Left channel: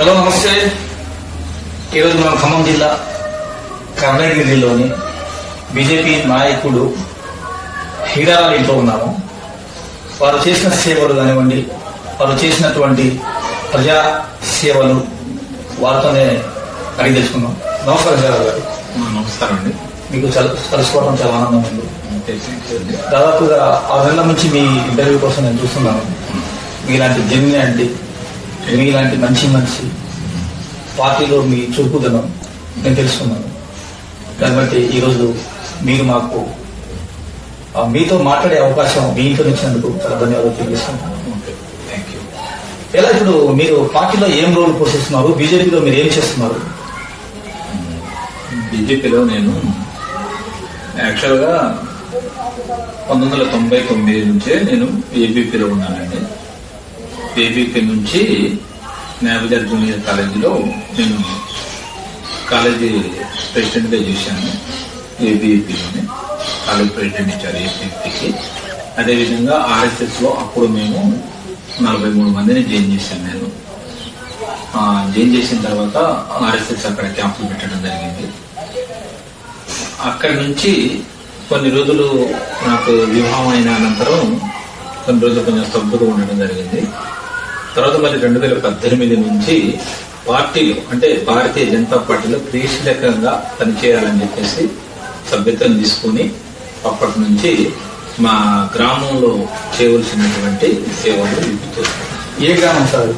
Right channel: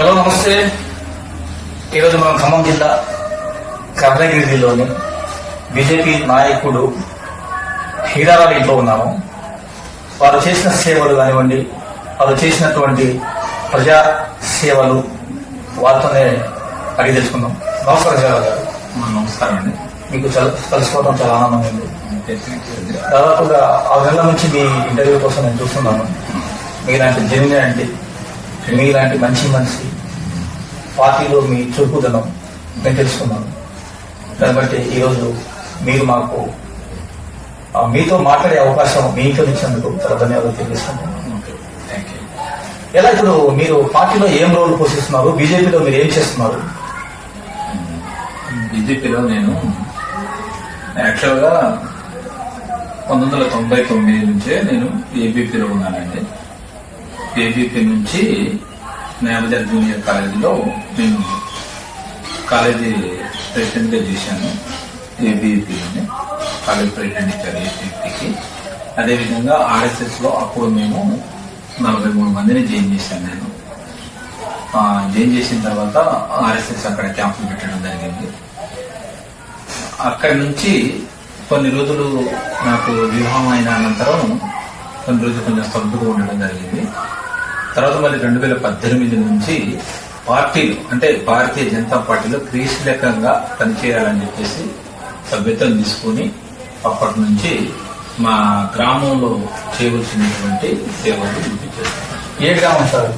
Hello నమస్తే. ఈరోజు మనం ఖమ్మం జిల్లా కర్ణగిరిలోని బీజేపీ నాయకుడు హీరారావు ఇంట్లో ఉన్నాము. వారు చేసిన సేవలు కానివ్వండి వారు చేసినటువంటి ప్రజా సేవలు వారితోనే అడిగి తెలుసుకుందాం. నమస్కారం హీరారావు గారు. నమస్కారం అండి. మీకు చాలా కలుసుకోవడం చాలా ఆనందంగా ఉంది. దాదాపుగా ఆరు నెలల నుంచి మీ ఇంటర్వ్యూ కోసం నేను చూస్తున్నాను. మీలాంటి జెన్యునిటీ మీలాంటి మంచి మనిషి పార్టీలో మీ చురుకుదనం నేను తెలుసుకున్నాను. కాబట్టి ఈరోజు మీరు మాకు మీతో మాట్లాడే అవకాశం మీ ఇంట్లో ఇచ్చినందుకు చాలా ధన్యవాదాలు తెలియజేస్తున్నాను ఓకే థ్యాంక్ యూ ఎలా ఇప్పుడు మీరు పార్టీలో ఏం రోల్ పోషిస్తున్నారు? బీజేపీలో మీరు ఏం చేస్తున్నారు? బీజేపీలో నేను యాక్చువల్గా పంతొమ్మిది వందల తొంభై తొమ్మిది నుంచే నేను ఏబీపీలో ఉన్నానండి. ఏబీపీ నుంచి నాబజార్ జూనియర్ కాలేజీలో నేను కాలేజీ ప్రెసిడెంట్గా చేశాను ఏబీపీలోనే కాలేజ్ ప్రెసిడెంట్ ఇచ్చారు ఏబీపీకి అదేవిధంగా ఆర్ఎస్ఎస్లో అప్పుడు మేము నలభై మూడు మందిని జాయిన్ చేశాను నేను. జాయిన్ చేసిన తర్వాత ఆర్ఎస్ఎస్ అక్కడ క్యాంపులు పెట్టడం జరిగింది. అక్కడి నుంచి కొన్ని రోజులు నాకు వివాహం అయిన అనంతరం కొన్ని రోజులు కొంచెం స్తబ్దుగా ఉండడం జరిగింది. తర్వాత మరి రెండు వేల పద్దెనిమిది నుంచి పార్టీలో అంటే భారతీయ జనతా పార్టీలో క్రియాశీలకంగా పనిచేయాలని చెప్పేసి సభ్యత్వం తీసుకుని అప్పటి నుంచి మా గ్రామంలో చేయవలసినటువంటి సేవలు ఇది చేస్తాను ఏ గ్రామం సార్?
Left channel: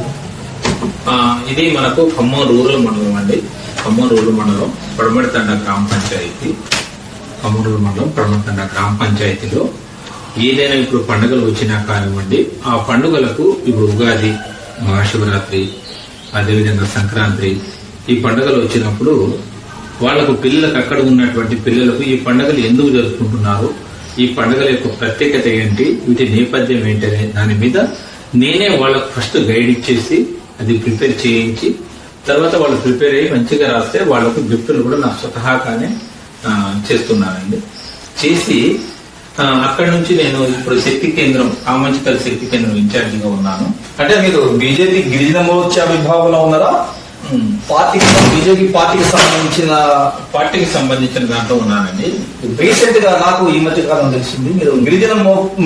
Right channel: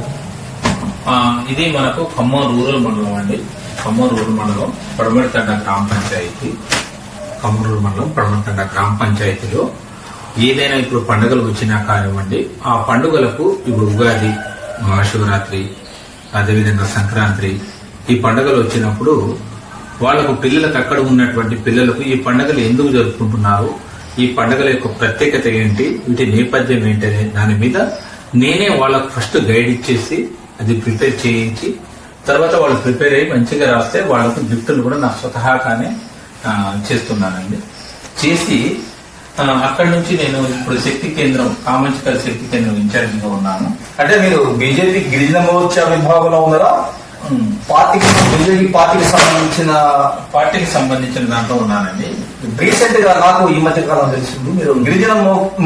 ఇది మనకు ఖమ్మం రూరల్ మండలం అండి. ఖమ్మం రూరల్ మండలం పడమడితండ గ్రామ పంచాయతీ. ఖమ్మం రూరల్ మండలం పడమడితండ గ్రామ పంచాయతీలో ఏదైనా ఇప్పుడు పండుగలు వచ్చినా కానివ్వండి ఆ పండుగలకు ఇప్పుడు ఉగాది మహాశివరాత్రి అదేవిధంగా సంక్రాంతి ఈ పండుగలు వచ్చినప్పుడు వాళ్ళకు పిల్లలకు అక్కడ ఉన్నటువంటి పిల్లలకు ఈ పండుగలు ఎందుకు జరుపుకుంటున్నారు? ఈ పండుగల యొక్క ప్రత్యేకత ఏంటి? వీటి నేపథ్యం ఏంటనే దాని మీద నేనే వాళ్ళకు ఫస్ట్ గైడ్ ఇచ్చేసి అది ప్రిపేర్ చేయించి తర్వాత వాళ్ళు ప్రిపేర్ అయ్యి మంచిగా రాస్తే వాళ్ళకు గిఫ్ట్లు కూడా నా స్వతహాగానే చేస్తున్నానండి. చేసి అక్కడి నుంచి నేను ఇప్పుడు శక్తి కేంద్రం కామంచికల్ శక్తి కేంద్రం ఇన్ఛార్జిగా ఉన్నాను. అంటే మీరు బీజేపీ గిరిజన మోర్చా విభాగంలో ఉన్నారా? పార్టీకి బీజేపీ పార్టీకి సంబంధించిన పార్టీకి సంబంధించిన దాంట్లో ఉన్నానండి. రీసెంట్గా నాకు ఈ మధ్య కాలం తెలిసింది మీరు గిరిజన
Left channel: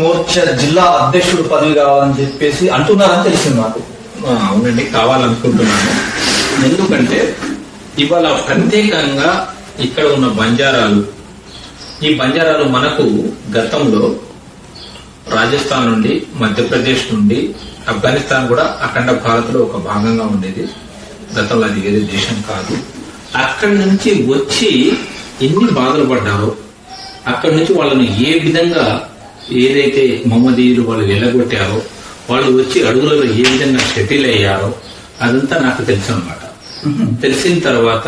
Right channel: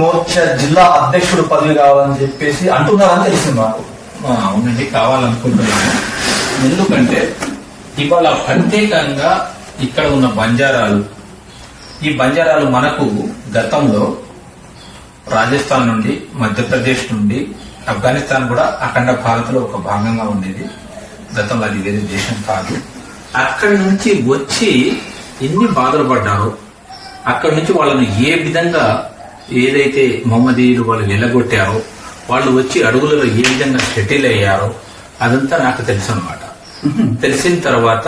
మోర్చా జిల్లా అధ్యక్షుడు పదవి కావాలని చెప్పేసి అంటున్నారని తెలిసింది నాకు. అవునండి కావాలనుకుంటున్నాను. ఎందుకంటే ఇవాళ ప్రత్యేకంగా ఇక్కడ ఉన్న బంజారాలు ఈ బంజారాలు మనకు గతంలో రాజస్థాన్ నుండి మధ్యప్రదేశ్ నుండి ఆఫ్ఘనిస్తాన్ కూడా అఖండ భారత్లో ఒక భాగంగా ఉండేది. గతంలో అది వేరే దేశం కాదు. అక్కడి నుంచి వచ్చి ఎన్ని బాధలు పడ్డారో అక్కడి నుంచి వాళ్ళని ఏ విధంగా ఏదైతే మహమ్మదీయులు వాళ్ళు వెళ్ళగొట్టారో వాళ్ళు వచ్చి అడుగులలో ఏ విధంగా సెటిల్ అయ్యారో అదంతా నాకు తెలుసు అనమాట తెలిసిన తర్వాత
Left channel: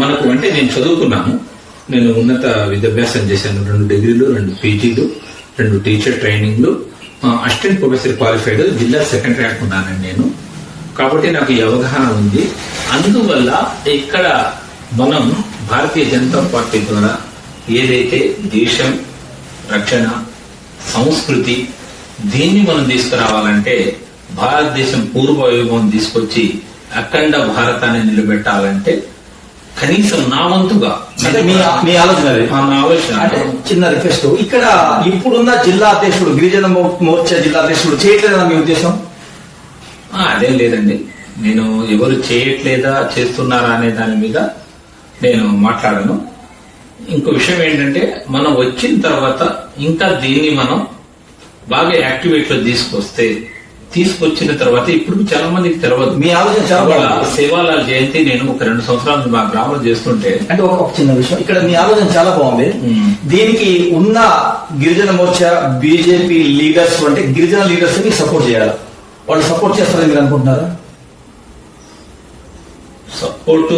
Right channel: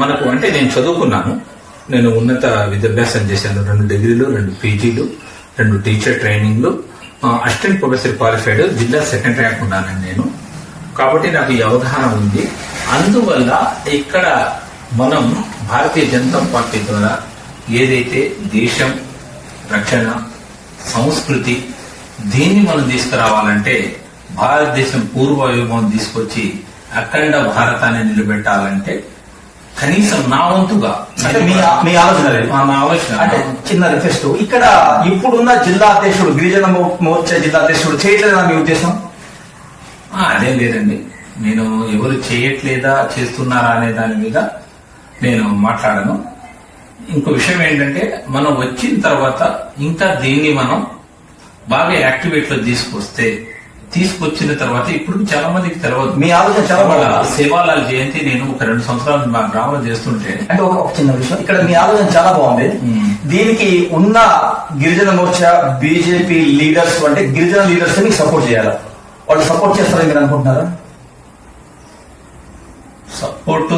మనకు అంటే నేను చదువుకున్నాను. నేను ఉన్నత విద్యాభ్యాసం చేశాను. రెండు డిగ్రీలు రెండు పీజీలు రెండు టీచర్ ట్రైనింగ్లు. అసిస్టెంట్ ప్రొఫెసర్ క్వాలిఫైడ్ జిల్లా సెకండ్ ర్యాంక్ ఉన్నానండి నేను. కాబట్టి నాకు ఈ అవగాహన ఉంది. అందువల్ల ఇక్కడ మనం భారతీయ జనతా పార్టీ ద్వారా ఏదైతే దేశం రక్షణ సంస్కృతి దీన్ని మనం తీసుకురావాలంటే భారతదేశం పూర్వ వైభవం తీసుకొచ్చి అఖండ భారతాన్ని నిలబెట్టాలంటే కనీసం నా వంతుగా. మీ మీ ఆలోచన నా ఆలోచన. అంటే చిన్న రిక్వెస్ట్. ఇక్కడ ఇప్పుడున్న జిల్లా అధ్యక్షుడు గిరిజన మోర్చా జిల్లా అధ్యక్షుడు చేయట్లేదా మీ ఉద్దేశం? అదేం లేదండి. నేను ఎవరు చేయట్లేదా చేస్తున్నారా అనే దాని మీద నేను మాట్లాడను. ఇంకో విషయం ఏంటంటే మనం వచ్చిన తర్వాత ఇంకా దీన్ని మనం బాగా యాక్టివేట్లో తీసుకొస్తే తీసుకొచ్చిన తర్వాత ఇప్పుడు చాలా మందికి తెలియదు మీ ఆలోచన చాలా. సేవాలాల్ జయంతి నేను ఒక రెండు సంవత్సరాల మా గ్రామంలో చేస్తుంటే అంటే ఒక చిన్న విషయం. ఇక్కడ మీ ఆలోచన చాలా బాగుంది. దీనికి ఉన్న గిరిజన మోర్చా బీజేపీ లీడర్స్ అంటే గిరిజన లీడర్స్ మీకు సపోర్ట్ చేయాలి? వాళ్ళు సపోర్ట్ చేస్తారని మీరు అనుకుంటున్నారా? సపోర్టు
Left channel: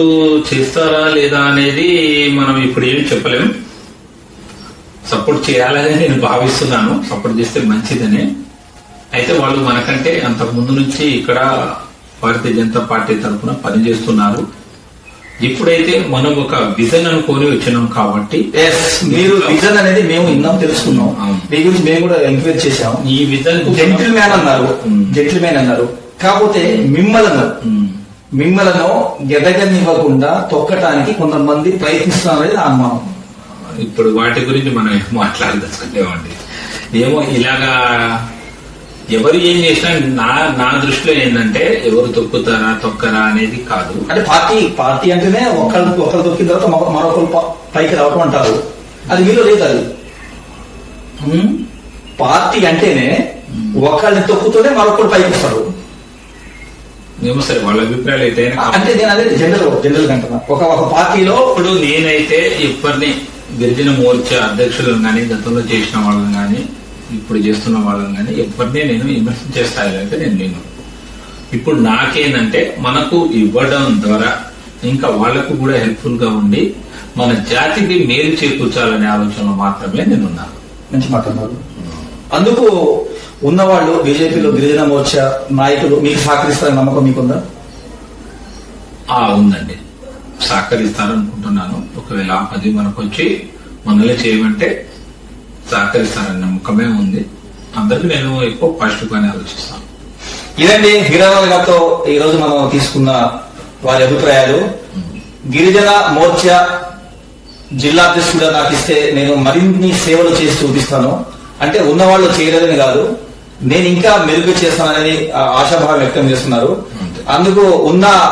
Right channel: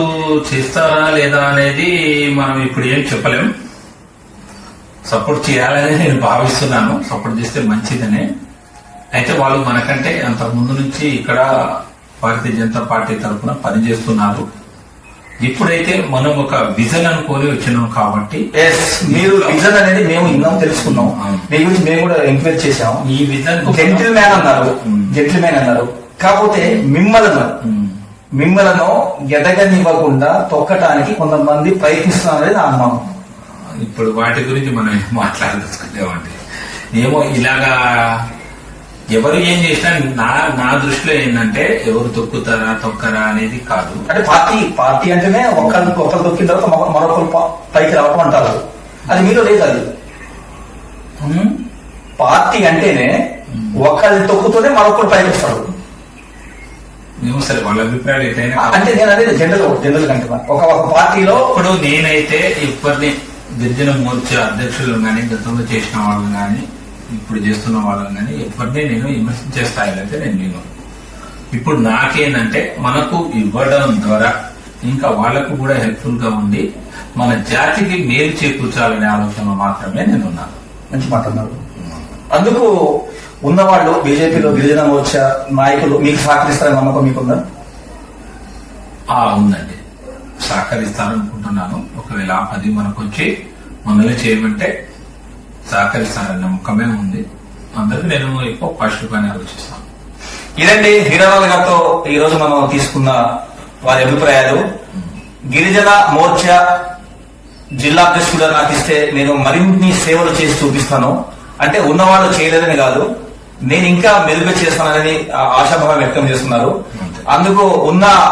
చేస్తారా లేదా అనేది మనం ఇప్పుడు ఏం చెప్పలేం. సపోర్ట్ చేయాలని నేను భావిస్తున్నాను. సపోర్ట్ చేస్తే మంచిదని. అయితే వాళ్ళు మనకంటే అంతకు ముందు నుంచి ఇక్కడ భారతీయ జనతా పార్టీ తరఫున పనిచేస్తున్నారు. ఇప్పుడైతే మనం ఒక విజన్ అనుకొని వచ్చినాం కాబట్టి మీరు విజన్ అనేది మేము విన్నాం తెలుసుకున్నాం. మీ గురించి మేము కూడా ఎంక్వైరీ చేశాం ఈ విజన్ జెంటిల్ మ్యాన్ అన్నారు. జెంటిల్ మ్యాన్ అన్నారు. కాకపోతే మిమ్మలను. మిమ్మలను ఎదగనివ్వకుండా తొక్కటానికి కొంతమంది ప్రయత్నిస్తున్నారని నా అనుమానం. ఇప్పుడు వాటి గురించి మనం మాట్లాడదలుచుకునేవాడి ఏమో ఇలాగా ఎవరు ఏం చేసినా నా నా దృష్టిలో ఏంటంటే ఎవరు తొక్కుతారా తొక్కరా అనేది కాదు. అంటే పార్టీ పార్టీ అంటేనే ఒకళ్ళు ఒకళ్ళు తొక్కిన తర్వాత మరొ- మరొకరు పైకి రావటం అంటారు. అది మీలో లేదు అది? పార్టీ అంటేనే ఒకళ్ళని తొక్కుతూనే మరొకరు పైకి వస్తారు. ఏమో సరే వాళ్ళ అభిప్రాయాలు ఏదైనా అంటే నేను అనేది జనరల్ జనరల్ కంటున్నా ఒక ఒక పార్టీలో ఇప్పుడు నేనైతే ఇప్పటిని గిరిజన మోర్చా అధ్యక్షులను కానీ గతంలో చేసిన వాళ్ళని కానీ ఇప్పుడు చేస్తున్న వాళ్ళని కానీ ఎప్పటినీ నేను విమర్శించే స్థాయిలో అయితే నేను నేను ఇప్పుడు నాకేంటంటే మనకు ఇవ్వడం ద్వారా ఇంకా వాళ్ళకు కూడా హెల్ప్ఫుల్గా ఉండి మన జాతికి మేలు చేకూర్చాలనే ఆలోచనలో మాత్రమే నేను మంచి మాట అందుకు ఉన్నవాళ్ళు బీజేపీలో గిరిజన మోర్చా నాయకులు మీకు సహకరిస్తారని నమ్మకం మీకుందా? ఆ ఉందండి. సహకరిస్తారనుకుంటున్నాను. ఒకవేళ అది మనకు వచ్చి మనల్ని చేయమంటే సహకరిస్తారన్న నమ్మకమే ఉంది. అందరికీ నేను ఎక్కువ పాజిటివ్ గానే ఆలోచిస్తాను. ఇదండి హీరాలాల్ గారితో ఈ రోజు మనం తీసుకున్న వారి అభిప్రాయాలు. గిరిజన మోర్చా జిల్లా అధ్యక్షుడు నాకు ఇస్తే నేను మరిన్ని సేవలు చేసి చూపిస్తాను. అంటే ఉన్నవాళ్ళు చేయలేదని కాదు. నేను ఇంకా మెరుగు చేస్తానని ఆశాభావం వ్యక్తం చేస్తున్నారు. అందుకు ఉన్న